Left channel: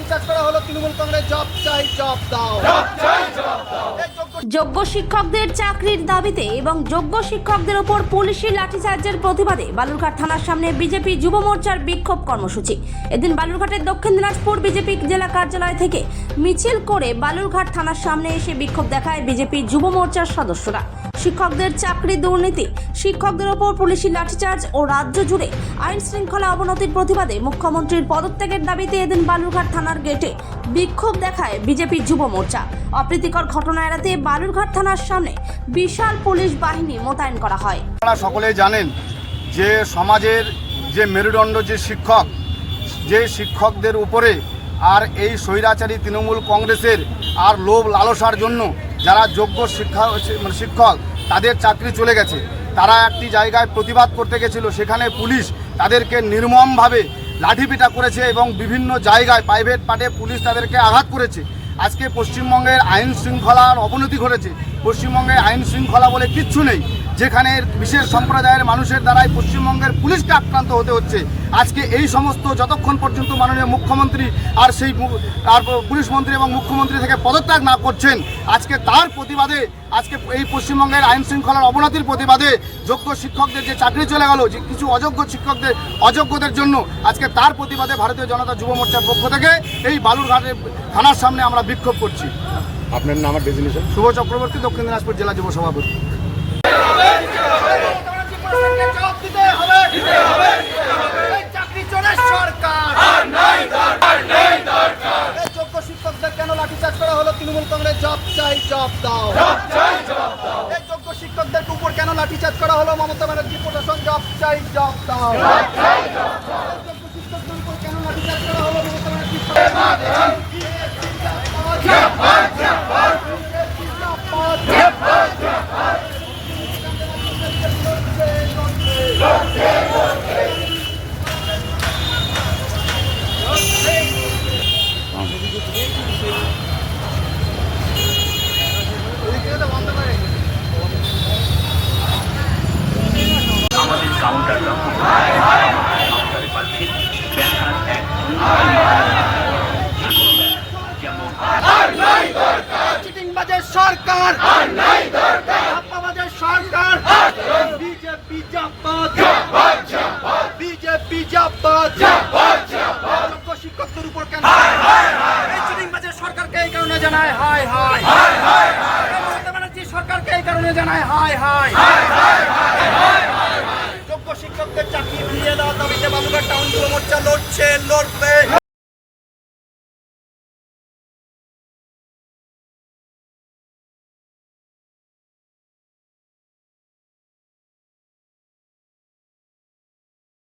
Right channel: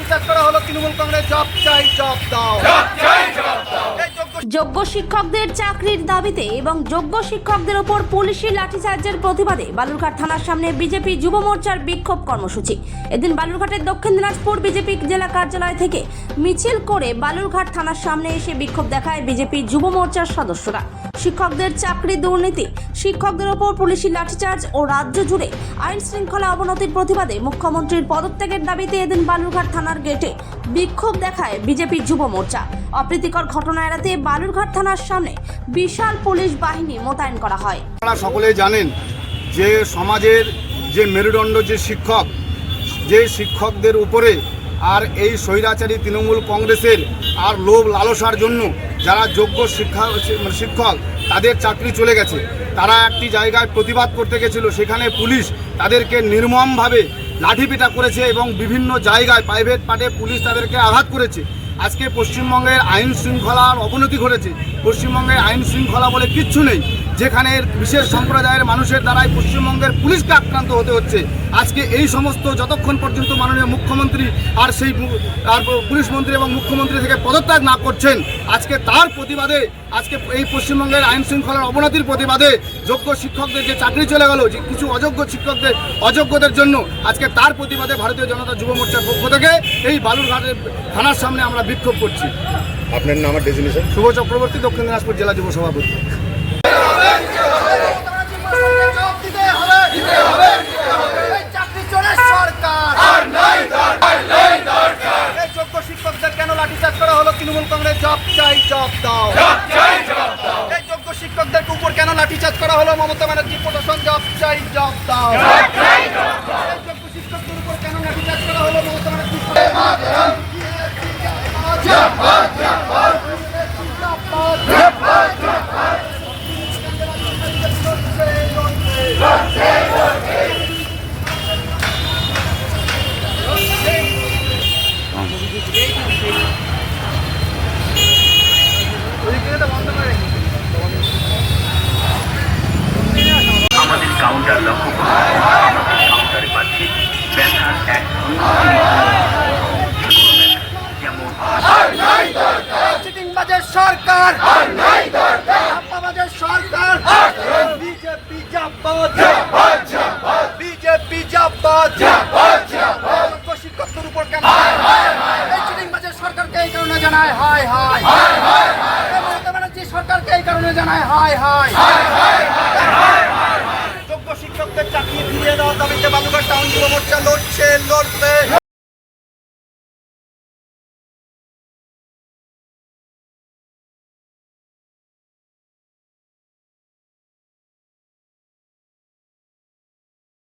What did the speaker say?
লাঠিচার্জ করা হলো তৃণমূল কংগ্রেস জব চাই জব দাও। যোগ্য শিক্ষকদের চাকরির দাবিতে এবং যোগ্য শিক্ষকদের ওপর পুলিশি লাঠিচার্জের প্রতিবাদে বালুরঘাট থানার সামনে বিজেপি যুব মোর্চার বিক্ষোভ কর্মসূচি। এদিন বালুরঘাটের দক্ষিণ দিনাজপুর বিজেপি জেলা কার্যালয় থেকে মিছিল করে বালুরঘাট থানার সামনে এসে বিক্ষোভ দেখায় বিজেপি যুব মোর্চার সদস্যরা। শিক্ষকদের চাকরি দুর্নীতি, শিক্ষকদের ওপর পুলিশি লাঠিচার্জ ও রাজ্য জুড়ে আইন শৃঙ্খলা অবনতির প্রতিবাদে মুখ্যমন্ত্রীর পদত্যাগের দাবিতে এদিন বালুরঘাট থানার গেটে বিক্ষোভ দেখায় বিজেপি যুব মোর্চা। অপ্রীতিকর ঘটনা এড়াতে বালুরঘাট থানার সামনে বিশাল পুলিশ বাহিনী মোতায়েন করা হয়। আপনারা সকলেই জানেন যে সমাজের যে মেরুদণ্ড যে শিক্ষকদের উপরে আর এই স্বৈরাচারী তৃণমূল কংগ্রেসের আর লোভ লালসার জন্য যারা যোগ্য শিক্ষক তাদের চাকরি চলে গেছে, তারা একটি জায়গায় প্রতিবাদ করতে গেছিল, সেখানে পুলিশ তাদেরকে নির্মমভাবে লাঠিপিটা করেছে এবং বিভিন্ন জায়গায় প্রাইভেট পার্টে পুলিশ তাদেরকে আঘাত করেছে। আজকে পশ্চিমবঙ্গের আইন শৃঙ্খলার অবনতি ঘটেছে। পশ্চিমবঙ্গে আইন শৃঙ্খলা বলে কিচ্ছু নেই, যেখানে বিশেষ সম্প্রদায়ের মানুষের দ্বারাই পশ্চিমবঙ্গের পুলিশকে আক্রান্ত হতে হচ্ছে। আজকে এই সমস্ত যতক্ষণ পর্যন্ত মাননীয় মুখ্যমন্ত্রী আর সেই পুলিশ মন্ত্রী এবং মুখ্যমন্ত্রী থেকে পদত্যাগ না করছেন, আজকে তার প্রতিবাদে, আজকে এই পশ্চিমবঙ্গের আইন শৃঙ্খলার অবনতির প্রতিবাদে যোগ্য শিক্ষকদের যে চাকরি চলে গেল, যে কিছু অযোগ্যদের জন্য আজকে তার প্রতিবাদে ভারতীয় জনতা যুব মোর্চার পক্ষ থেকে এই বালুরঘাটের থানার সামনে আমরা বিক্ষোভ করছি। আপনার নাম আর ডেজিগনেশন? শুভ চক্রবর্তী, দক্ষিণ দিনাজপুর জেলা যুব সভাপতি। যোগ্য শিক্ষকদের কেন লাঠিচার্জ করা হলো তৃণমূল কংগ্রেস জব চাই জব দাও। এই যোগ্য শিক্ষকদের উপর কেন লাঠিচার্জ করা হলো মমতা ব্যানার্জি প্রশাসন জব চাই জব দাও। যোগ্য শিক্ষকদের উপর কেন লাঠিচার্জ করা হলো মমতা ব্যানার্জি আমাদের কাউন্টার লক্ষ্য কাউন্টারে পাচ্ছি চিটিংবাজের সরকার, ছাপ্পাবাজের সরকার, বিজেপি জাপাত, বিজেপি জাপাত। যোগ্য শিক্ষকদের উপর কেন এই চিটিংবাজের সরকারকে এই কারণে জানায় হায় হায়, মমতা ব্যানার্জি সরকারকে এই কারণে জানায় হায় হায়। যোগ্য শিক্ষকদের চাকরি ফিরিয়ে দেওয়ার দাবিতে বালুরঘাট টাউন যুব মোর্চা লড়ছে, লড়বে,